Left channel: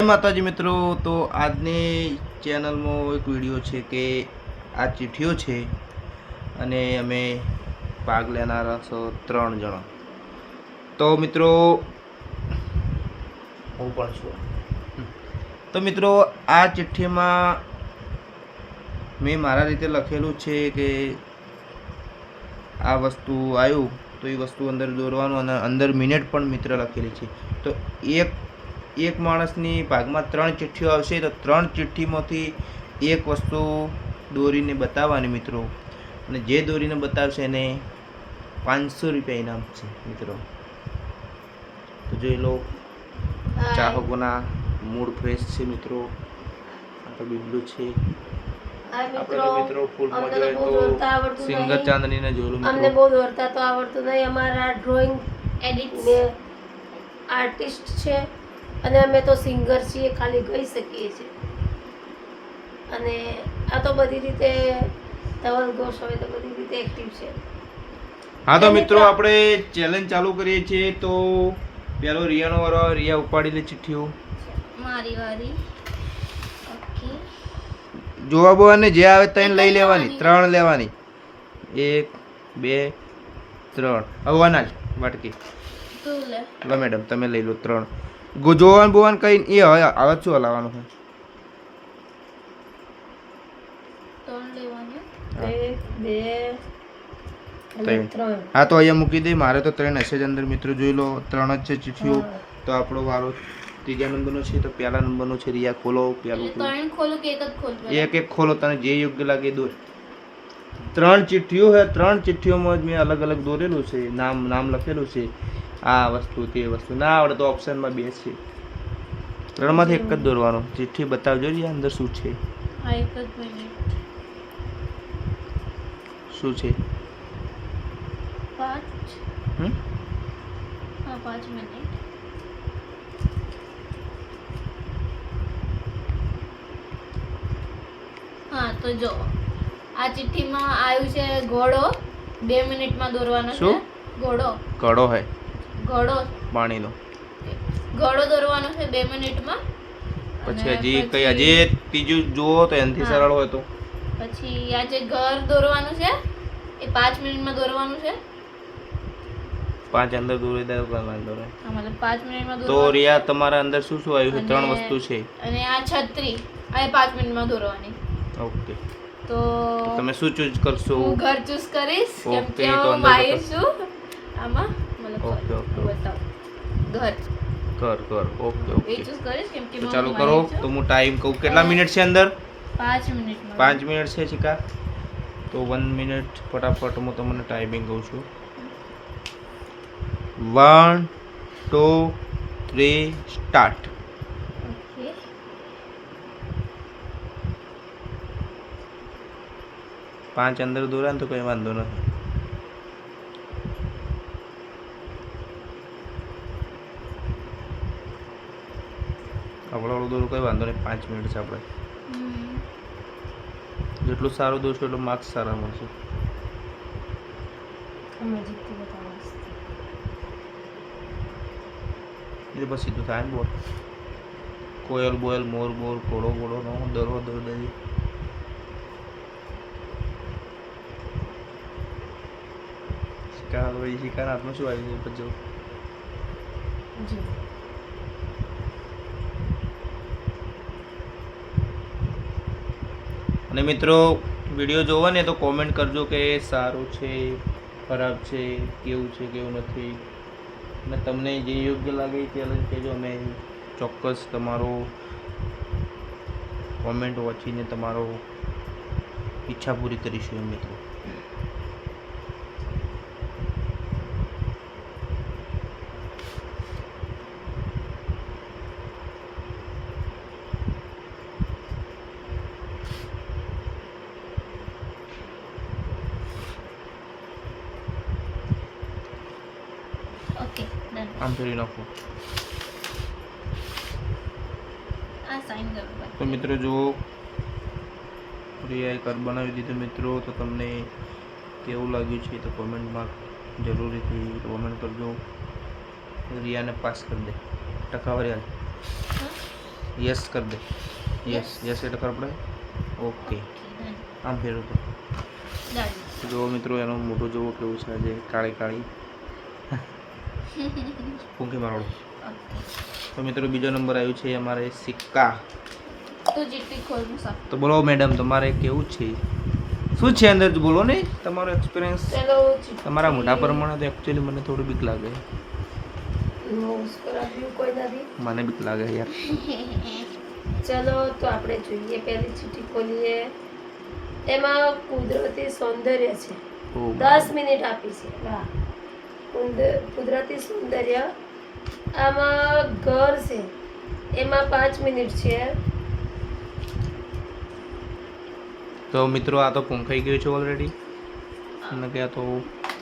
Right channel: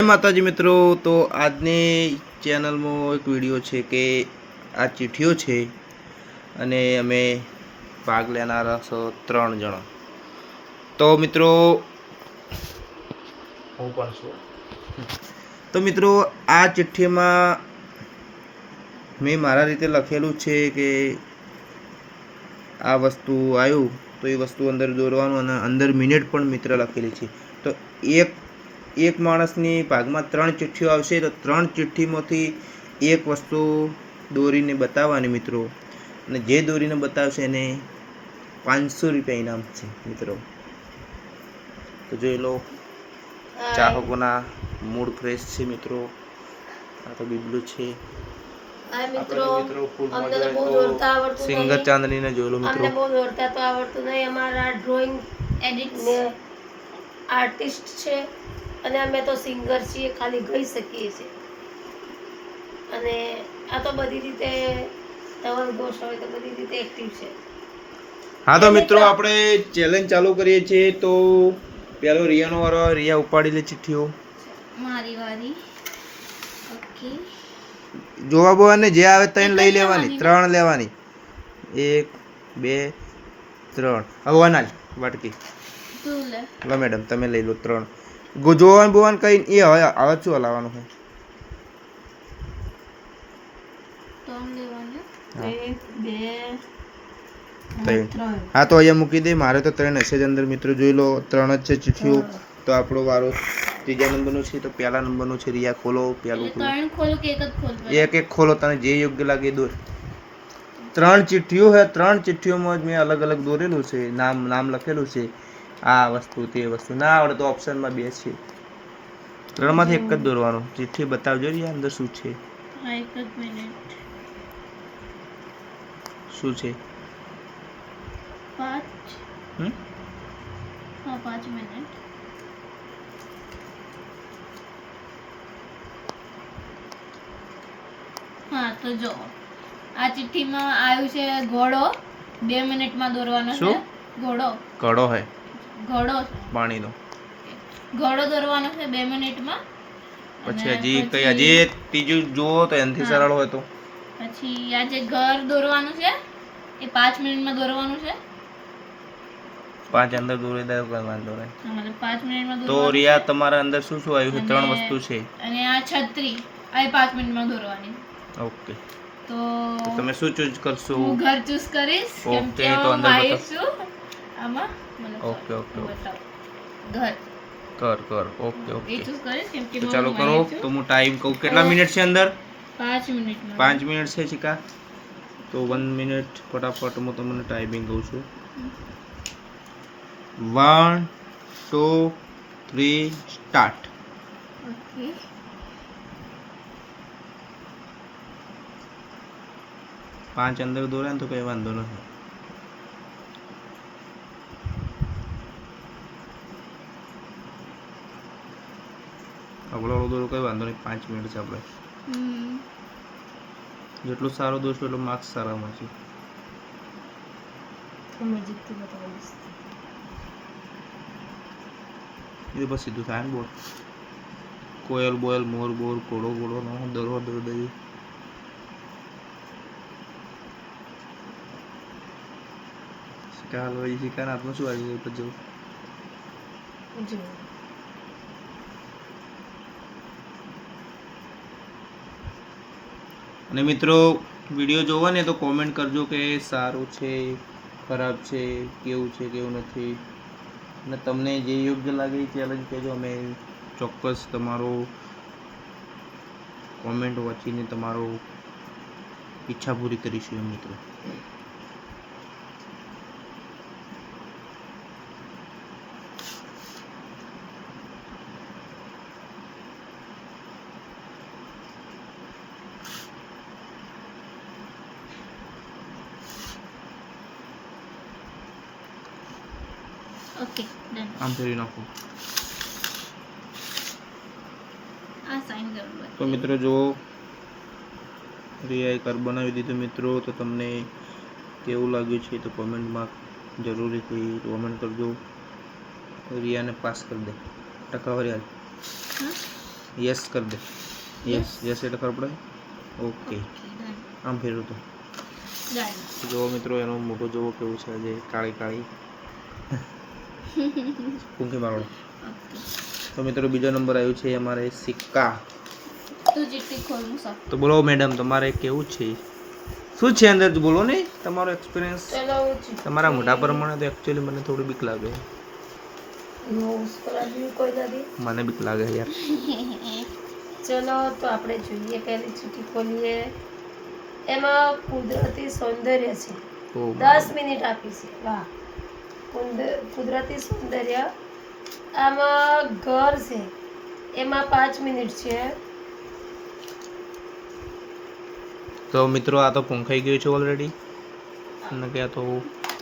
જય માતાજી મિત્રો, તો આજની ચેનલમાં એક વિડીયો છે કે આ ચિઠ્ઠીઓ છે અને અમે ભાગ લેનારા છો 3 જણા. તો મિત્રો હું પણ છું. તો મિત્રો આ ચિઠ્ઠીમાં મેં મારા રીતે લખેલું છે કે આ વસ્તુ આવ્યું તો એ વસ્તુ અંદર દોરવાનું અને અંદર મિનિટ પણ મિત્ર લખેલી છે. તો એક માણસની ભાગમાં 3 ચિઠ્ઠીઓ આવશે તો 3 ચિઠ્ઠીમાંથી એક વસ્તુ દોરીને બતાવવાની મિત્રો, અને જે દોરીને બતાવશે એને 500 રૂપિયા ઇનામ છે મિત્રો. તો જોઈ લો, ચાહકોના મૂડ ફ્રેશ છે મિત્રો. આ તો બીબલું છે મિત્રો, ફૂલ મજા તો સિંગર ચાંદનીને જોઈ લો મિત્રો. અમને બહુ દોરતા તો આવડતું નહીં. અમારા ડ્રોઈંગ એડિટ ને આર્ટિસ્ટ છે અને અમે તો સિંગર છીએ, ખાલી ગાઈ શકીએ છીએ. અને આ તો બધી રીતે ધવલ ઘોષ હોય તો બધી રીતે એક્ટિવ છે. હા તો મિત્રો આપણે ચેલેન્જ ચાલુ કરીએ છીએ. તો પેલો રિયાનો વારો. રિયા ઉપાડી લે ચિઠ્ઠીઓ. મારી વારી. ઓકે, જોવા બોવાને જે આવે તઈને લઈ લેવાની, 3 લેવાની. 1 2 3. હવે વનાલ વાટકી લો મેડમ, તમે લઈ લો 3. જોવાન બોવાન કઈ એ હવે શું હલાવવાનું છે? 3 લેવાને. 1 2 3. હા તો અહીંયા મૂકી દે. મારે તો 3 હશે જ અંદર મિત્રો. જોઈ લો 3 જ છે ચિઠ્ઠીઓ. તો આપણો વારો 3જા નંબરનો છે. તો પહેલા નંબરનો છે. રિયા ખોલો. પહેલું ખોલો કે એક જ ખોલો? એક ખોલો, તને જે યોગ્ય લાગે દોર. 3 ચિઠ્ઠીઓ છે. 3 ચિઠ્ઠીઓમાં જ મેં અલગ અલગ દોરેલું છે, નામ લખેલું છે. આ વસ્તુ તે વસ્તુ ના આવડે તો ઓપ્શનમાં 2 છે. 3માંથી એક જ દોરવાનો. ચિઠ્ઠી બતાવજો રિયા અંદર શું છે. હા, એક જ મિનિટ. શું છે? 5. હા, 5 મિનિટ. હા તો જો આ ચિઠ્ઠીમાં આવ્યું છે ઘોડો. 2 મિનિટમાં દોરવાનો છે. ઘોડો હે ઘોડો પાણીનો ઘોડો દોરવાનો છે 2 મિનિટમાં. પછી હજી ત્રીજું જુઓ તો એનાથી સરળ હોય તો પછી આ જે ઘર દોરવાનું છે એ 5 મિનિટમાં દોરવાનું છે. 5 અંદર દોરી દે કોઈ વાંધો નહીં. હા, મતલબ 5 મિનિટમાં તો દોરવાનું. રિયા તમારા અંદર શું શું આવ્યું છે? 3 વસ્તુ છે. અને આ છત્રી આ 5 મિનિટમાં દોરવાની. ઓકે, તો તમે શું ચૂઝ કરશો? હું ઘર ચૂઝ કરીશ કેમ કે તો અંદર માહિર છું આમાં. મને ઓકે બતાવ ઘર કર. ઓકે એ ચૂઝ કરીશ કેમ કે તો ચાલો કરો. તો હું ટાઈમ કહું. કેટલા મિનિટ છે અંદર? 5 મિનિટમાં. 5 મિનિટ છે ચિકા. તો 1 મિનિટ ફટાફટ હું તમને ટાઈમિંગ કહું છું. 1 2 3 સ્ટાર્ટ. ઓકે, 5 અંદર દોર્યા ને તો કઈ વાંધો નથી. અવળો દોરો કઈ વાંધો નહીં. 5 મિનિટ છે આપણે. જેટલું સારું દોરશો એટલું માર્ક્સ સારા મળશે. એ બસ સીધું થાય ને બોલ. કોયલ બોયલ મોર બોર ઘોડો ઘોડો નો દરો દઈ. શિકાર હાથમાં શું આવી પછી અને મિત્રો વિડીયો જોવો ને તો કોમેન્ટ કરજો કે સારું છે, ખરાબ છે, કેવું છે, કેવું નથી. અને તમને જે યોગ્ય લાગે એ ચેલેન્જ કહેજો. અમે ચોક્કસ તમારો કોમેન્ટ વાંચીને તમારો ઈચ્છા પૂરી કરીશું મિત્રો. Okay, done. આમ ફેરવી નાખો. આ સાઈન કરવું. તો મિત્રો જો રિયાએ કર બનાવી દીધું મિત્રો. તો તમને કેવું લાગ્યું છે તો કોમેન્ટમાં જરૂરીથી કોમેન્ટ કરજો. રિયાને પાસ કરી દે. ટકાવારી હાલ. યસ કર દે. યસ યસ એટલે ખબર પડે. ઓકે આમ ફેરવું તો જુઓ મિત્રો, એનો મોટો જોવો કેવું છે આજે, કાળી કાળી કુંકી મારોડો. તો મિત્રો બીજો નંબર આવ્યું છે અમારે સિક્કા. તો બોલો મેડમ, તમારે કેવું છે, શું છે અંદર બોલો ને તમારો એક્સપિરિયન્સ. ચલો તમારા મોટા પ્રમાણે તો એકચ્યુઅલી મને થોડી બીક લાગે. કોઈ નથી. મને બીક લાગે યાર. ચલો તો આપણે જોઈએ, પહેલી ચીઠી ખોલીએ. એમાં કુદરતી સૌંદર્ય છે. ઓ 10 મિનિટ આપી છે. વાહ, કુદરતી સૌંદર્ય. આમાં ઘર છે, એમાં 5 મિનિટ છે. તો મિત્રો આ તો પૂંખાઈ ગયું છે ઓલરેડી, અને કે આ તો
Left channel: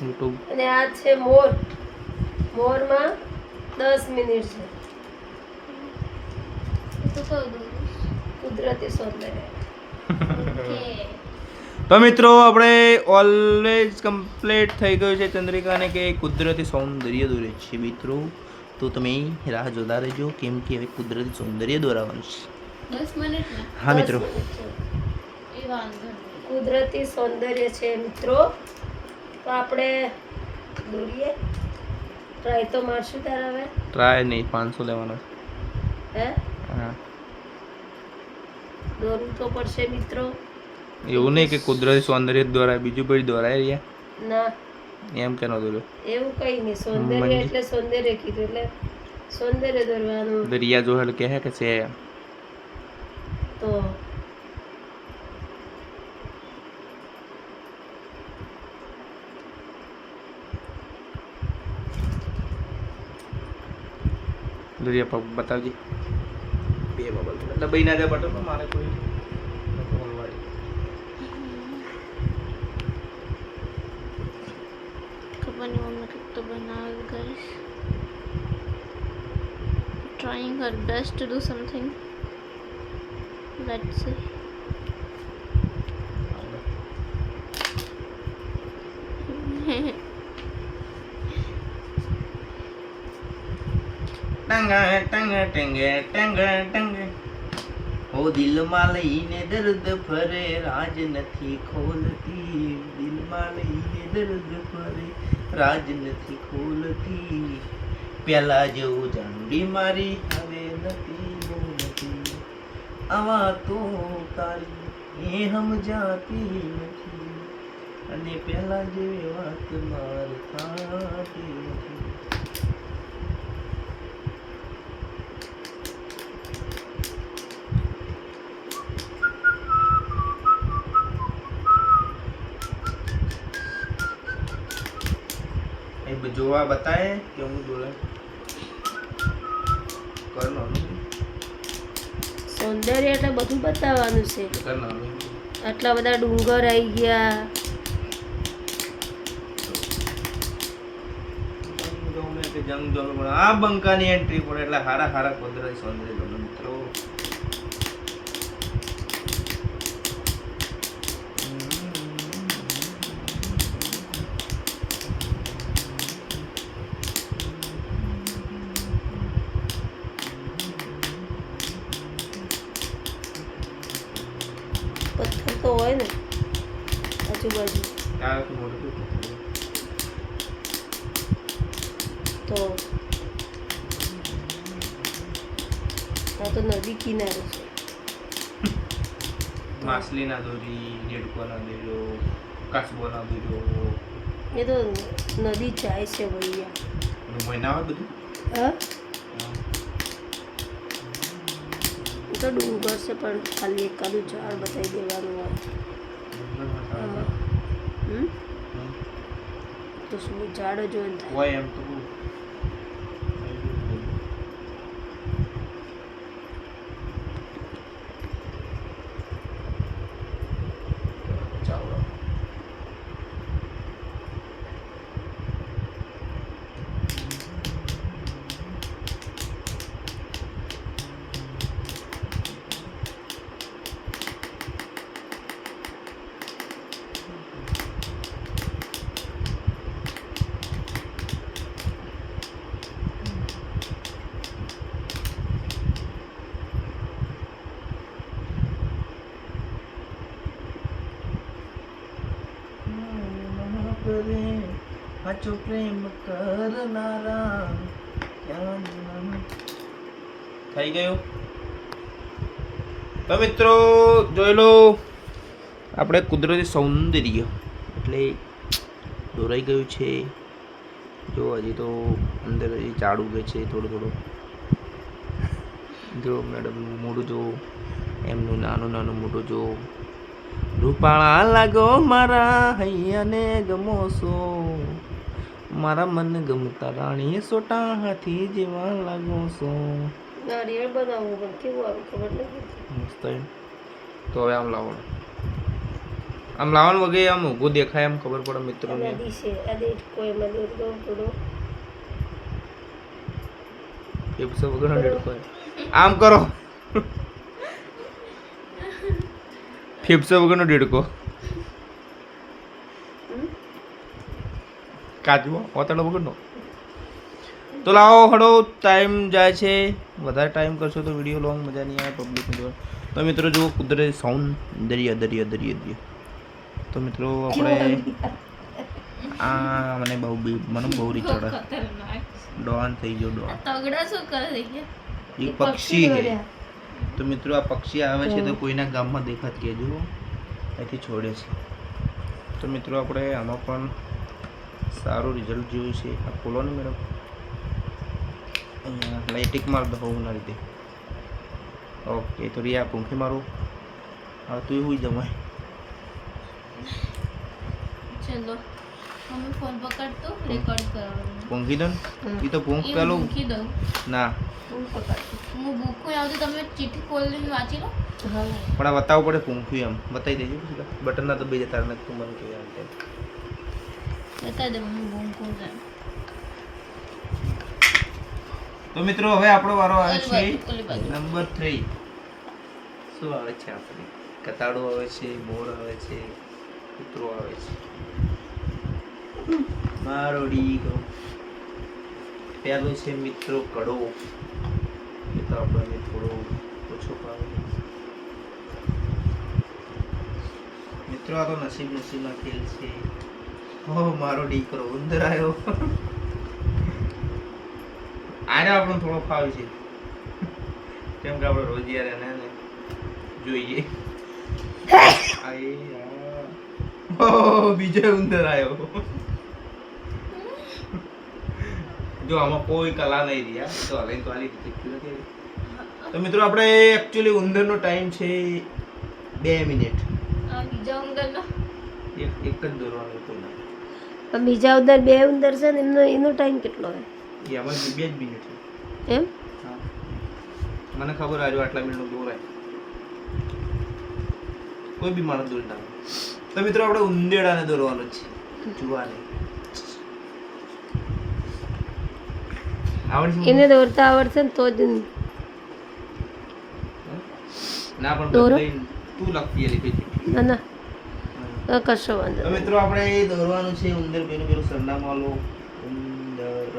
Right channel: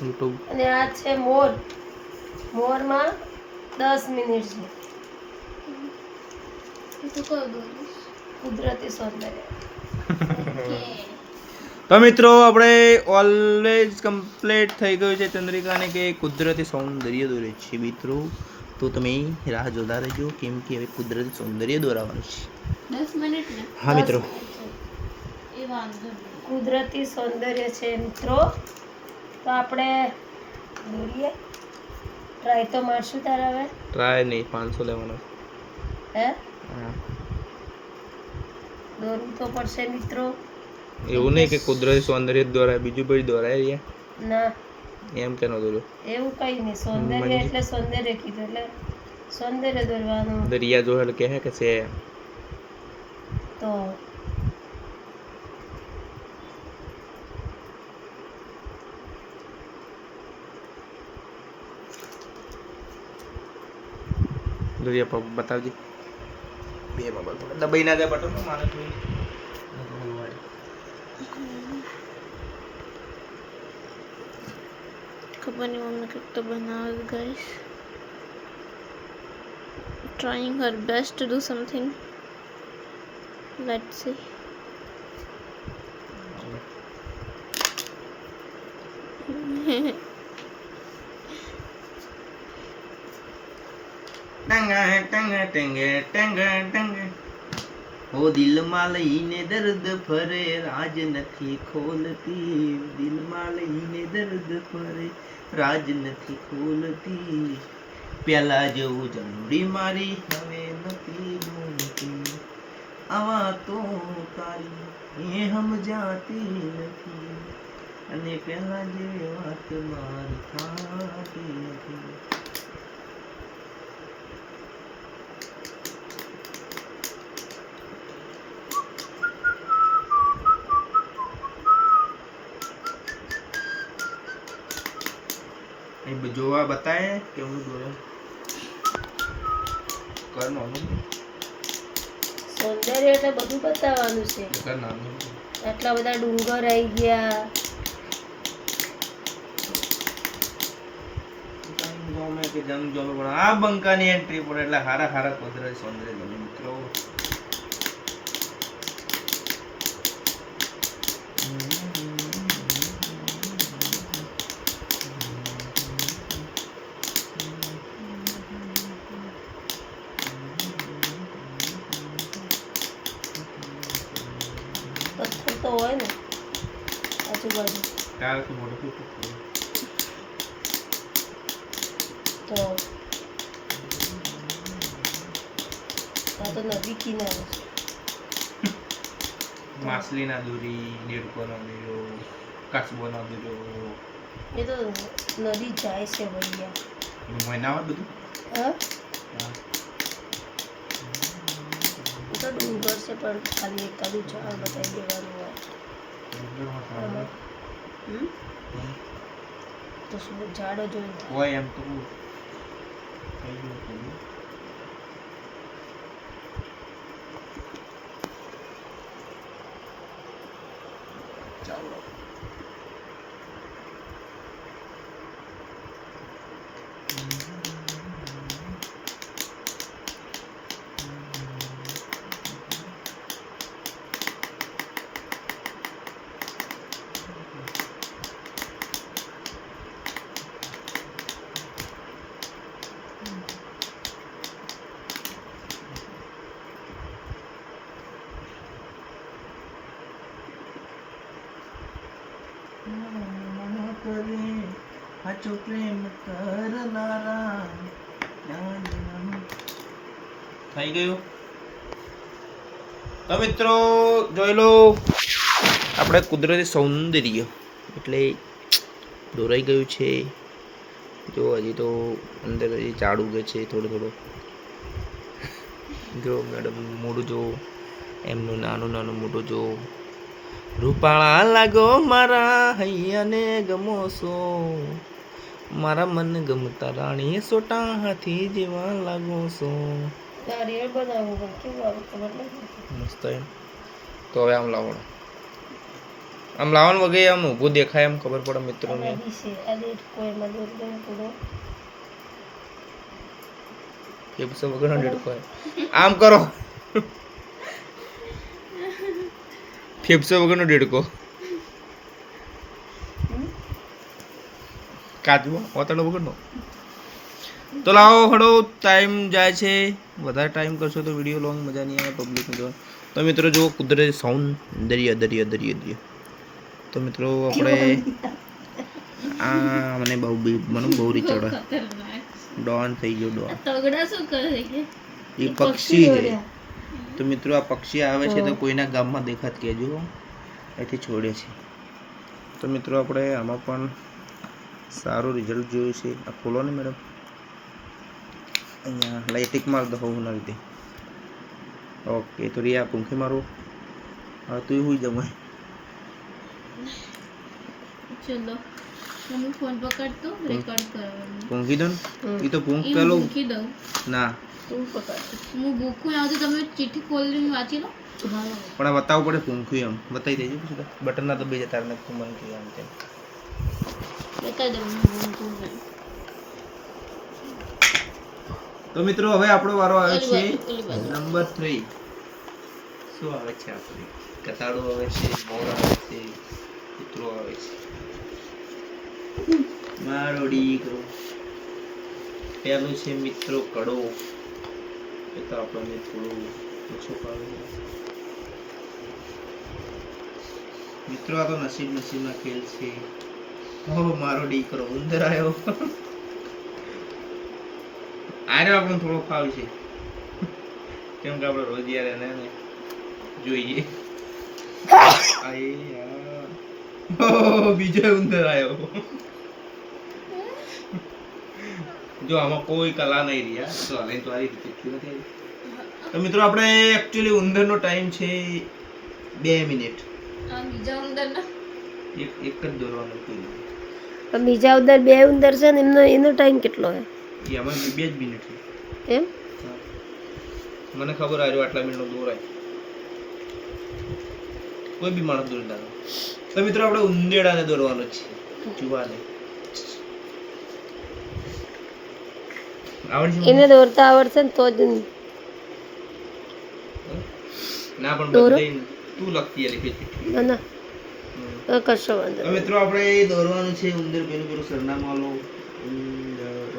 યુટ્યુબ. અને આ છે મોર. મોરમાં 10 મિનિટ છે. કુદરતી સૌંદર્ય. તો મિત્રો આપણે ઓલવેઝ કમ્પ્લીટ થઈ ગયું છે ચંદ્રિકાને કે કુદરતી સૌંદર્ય દોરે છે. મિત્રો તો તમે રાહ જોતા રહેજો, કેમ કે હવે કુદરતી સૌંદર્ય દોરાવાનું છે. 10 મિનિટ ને હા મિત્રો, એ વાંધો નહીં. કુદરતી સૌંદર્ય છે મિત્રો. તો આપણે દોરીએ. ટ્રાય તો મારશું તારા હવે. ટ્રાય નહીં, 500 લેવાનો હે, હા. દોરવું તો પડશે મિત્રો. એવું નહીં કે કુદરતી સૌંદર્ય જ દોરાય, બીજું બધું દોરાય યાર. ના, એમ કે ન દોર્યો. એવું કઈ નહીં. સૌંદર્ય એટલે સૌંદર્ય કીધું, એટલે સૌંદર્ય દોરવાનું. દરિયા જોહેલ કહે કે છે તો દરિયા પર બતાવજે. બે મોબાઈલ પડે દબાઈ ના જાય બટન, મારે કોઈ ખબર નહીં મમ્મી કંઈક તો બનાવે guys. Trying her best to do something. Let's see. ટંગા ટંગા ટંગે ટંગા ટંગે. ઓ દિલમાં લઈને દર્દ ફરે, રાજ નથી ખોલતી. દિલમાં લઈને દર્દ ફરે, રાજ નથી ખોલતી. પેલા જેવું જાંડી મારી હવે નથી બોલતી. આવા તો તારી એ સમજાતી નથી, અને પેલા જે વાત માર થાતી નથી. જોવા બતાએ કે હું દોરે કરવાનું. સૌંદર્ય એટલે બધું બતાવવાનું છે. કરવાનું આટલા બધા ડુંગર આવી ગયા. ગમે કે જંગ જોલો પણ આ બંકાની એન્ટ્રી પડે એટલે હારા હારા કુદરતી સૌંદર્ય ગમે મિત્રો. પથ્થર તો હોય ને આજુબાજુ, તારાથી મોટું શું તો આ તો નદી કિનારે છે. માછલી ના દોરી, દેડકો ના દોર્યો, કાચબો ના દોર્યો. એ તો નદી જાય છે ભૈયા. મહિના હોય બધું. હા, એ તો ડુંગર છે પણ ખાલી એકાદું ઝાડ બતાવી દેવાનું હોય. તો શું ઝાડ જોઈને થાય? હોય એમ તો ચાલો. કરે સાચો પ્રેમ કરનારા થઈ ગયું. તો મિત્રો જોઈ લો આપણે કુદરતી સૌંદર્ય એટલે દોરાઈ ગયું છે. જો હજી તો અંદર હજી ઝાડ ઉગે છે થોડું. જો મેડમ મોઢું જો, એમનું નાનું મોઢું જો. રૂપાળા લાગો મારા હૈયાને ગમો છો, મારા મન ગમતા રાણી સોટા હાથી જેવા લાગો છો. નારિયેળ બનાવવું પણ કેવું આવે ખબર નહીં. મસ્ત એમ. તો હવે આમ લાવવાનું વગે આમ ઊભું દેખાય એમ ખબર પડે મિત્રોને. આ દિશે આ દેખ કોઈમાં દૂર દઉં થોડો. ફેફસા વગરનો ડેડકો આમ કરો. ફેફસા વગરનો ડેડકો કાચવો ઓતડો વગરનો. તો લાવો હડો, ટાઈમ જાય છે. વધારે ટાઈમ કરશો તો વિડીયો લોંગ મજા નહીં આવે પબ્લિકને જોવા. તો મિત્રો જુઓ કુદરતી સૌંદર્ય દરિયા. તો મિત્રો આપણે આ મને બહુ રીત ચડે. ડોન થઈ ગયો ડોન. તગડા શું કરે છે? એ પક્ષી હે. તો મિત્રો આ પક્ષી આવે છે તો કોઈના ગામમાં દેખાત રહેજો, એથી છોડે છે. તો મિત્રો આપણે આમાં પણ સારું રિઝલ્ટ જોયું છે. આ ખોલો ને મેડમ, અહીંયા લાઇટિક માર દો ના રીતે. ઓકે તો રિયા પૂંખી મારો. હવે તું હુઈ જમાય. ચલો મમ્મી ફોન પકડ તો રેકોર્ડ કરવાનું. પૂંખી દો ને. એ તો પૂંખ પેલો મૂકી દઉં. ના તું પકડ. હું બુક આવતી તમે ચિઠ્ઠી ખોલીને વાંચી લો. પણ આ બતાવવું પડે પૂંખી એમ બતાવી દેજો પછી બટન ના તો બે જતા રહે તું મને કે આમ તેમ. બતાવી દઉં હું બુક તો મિત્રો હવે આપણો વારો આવે છે ઓલી બાજુ. નંબર 3. શું આવે છે આપણે? કતાડો આવે છે, મોર આવે છે, કૂતરો આવે છે. મારો દીકરો પહેલું છે મિત્રો કડો. એ તો આપણને થોડો ઓછો પાડો. મિત્રો આ તો નસીબમાં ખેલ છે. હો મારો દીકરો ઉંદર આવ્યો. આને આપણને થોડો ફાવે છે કેમ કે આપણે રોજ યાર એને જોઈએ. બીજો ઉંદર આવ્યો. જો આમાં કોઈ કલા નહીં રહ્યા. તો હવે તો આ રીતે નથી. તો મિત્રો આપણે એકચ્યુઅલી ઉંદરનો ટાઈમ છે 2 મિનિટ. આ બીજા ઉંદરના એક જ દોરવાનું હતું. પણ બીજા ઉંદર 2 ઉંદર છે ને એનો ટાઈમ કેટલો છે એમાં 2 જ મિનિટ છે. એમ? મને ખબર આવ્યો આટલા મિનિટનો દોરાય. કોઈ બી માણસ દોરી નાખે. તો મિત્રો આપણે ઉંદેડાને દોરવાનો છે. જુવાને આવડે છે? એને દોરતા આવડશે ને તો જ. ના પણ દોરો? બધાય તું લખતી લીખી છે. ના કશો વાંધો તો મિત્રો આપણે દોરવાનું છે ઉંદર. પેલું સરનામું આલો. ઉંદર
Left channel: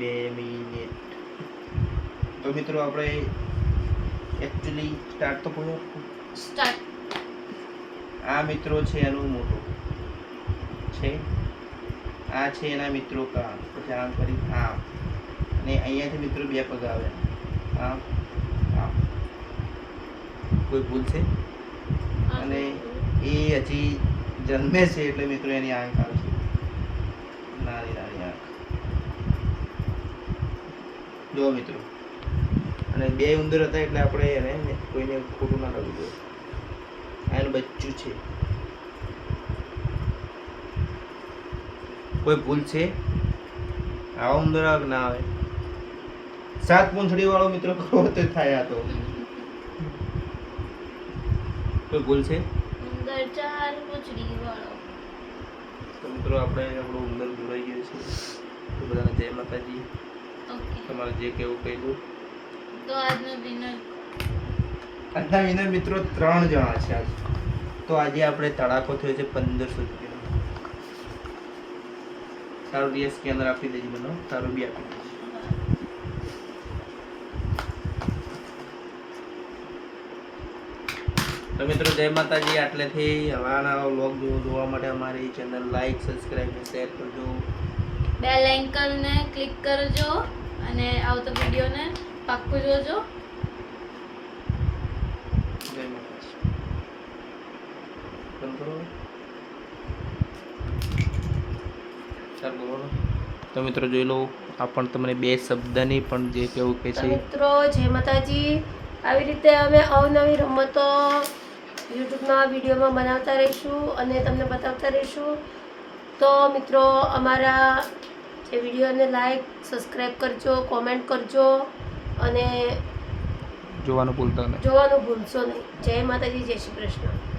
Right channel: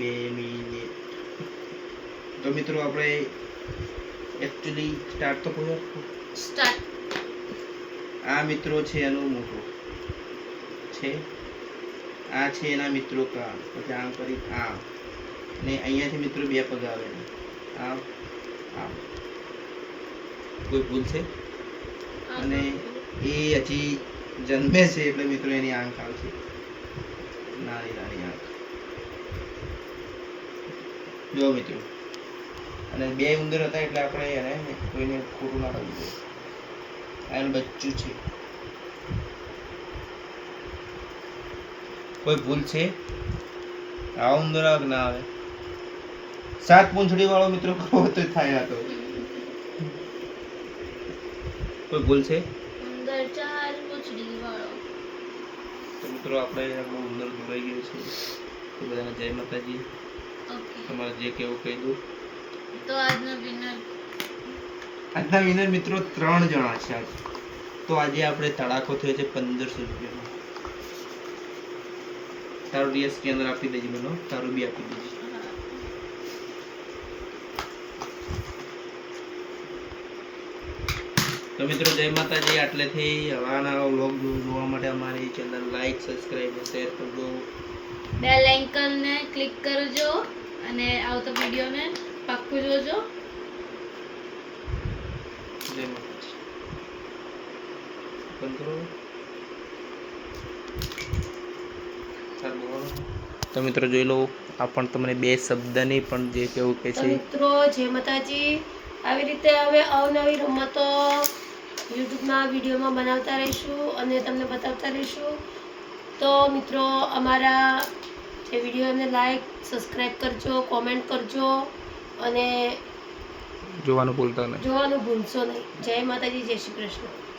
2 મિનિટ. તો મિત્રો આપણે એકચ્યુઅલી સ્ટાર્ટ તો કોઈ સ્ટાર્ટ. આ મિત્રો છે એનું મોટું છે. આ છે એના મિત્રો કાન. પછી આમ કરી આમ. અને અહીંયાથી મિત્રો 2 પગ આવે. આમ આમ. કોઈ ભૂલ છે? અને એ હજી જન્મે છે એટલે મિત્રો એની આંખ આવશે. નાની આંખ. જો મિત્રો અને 2 ઉંદર હતા એટલે આપણે એને કોઈને ખોટું ના લાગવું જોઈએ. એનું બચ્ચું છે. કોઈ ભૂલ છે? આ ઉંદર આવે ના આવે? 7 પૂંછડી વાળો મિત્રો કરો તો થાય. આ તો કોઈ ભૂલ છે? ઉંદર 4 પૂંછડી વાળો. તો મિત્રો આપણે આપણો ઉંદર દોરાઈ ગયો છે. તો બધાને જય માતાજી. ઓકે તમારે જે કેવું કહી દો. તો આજનો વિનર આજના વિનર મિત્રો 3 જણા છે આજ. તો આજે આપણે તડાકો થયો છે 1500 રૂપિયાનો. તારું ડીએસ સ્કેનર આપી દેજો બનો. તારું બી આપી દેજો. તો મિત્રો જય માતાજી. આટલેથી હવાના વ્લોગ જોવા માટે અમારી ચેનલ લાઈક, સબસ્ક્રાઈબ અને શેર કરજો. બેલ આઇકનને ક્લિક કરજો અને આવતો વિડીયોને પાક્કું જોજો. જય માતાજી. બંધ કરો. સારું બોલો. તો મિત્રો જોઈ લો, આ પણ તમને બે શબ્દની પણ જે કેવું કે તો છે. મિત્રો જય માતાજી. આવી રીતે અમે અવનવી રમતો યુટ્યુબમાં વિડીયોમાં બનાવતા રહીશું અને તમને બતાવતા રહીશું. તો મિત્રો અમારા જે વિડીયોને લાઈક, સબસ્ક્રાઈબ કરજો, કોમેન્ટ કરજો અને જોવાનું ભૂલતા નહીં. જોવાનું ભૂલશો નહીં. જય માતાજી, જય શ્રી કૃષ્ણ.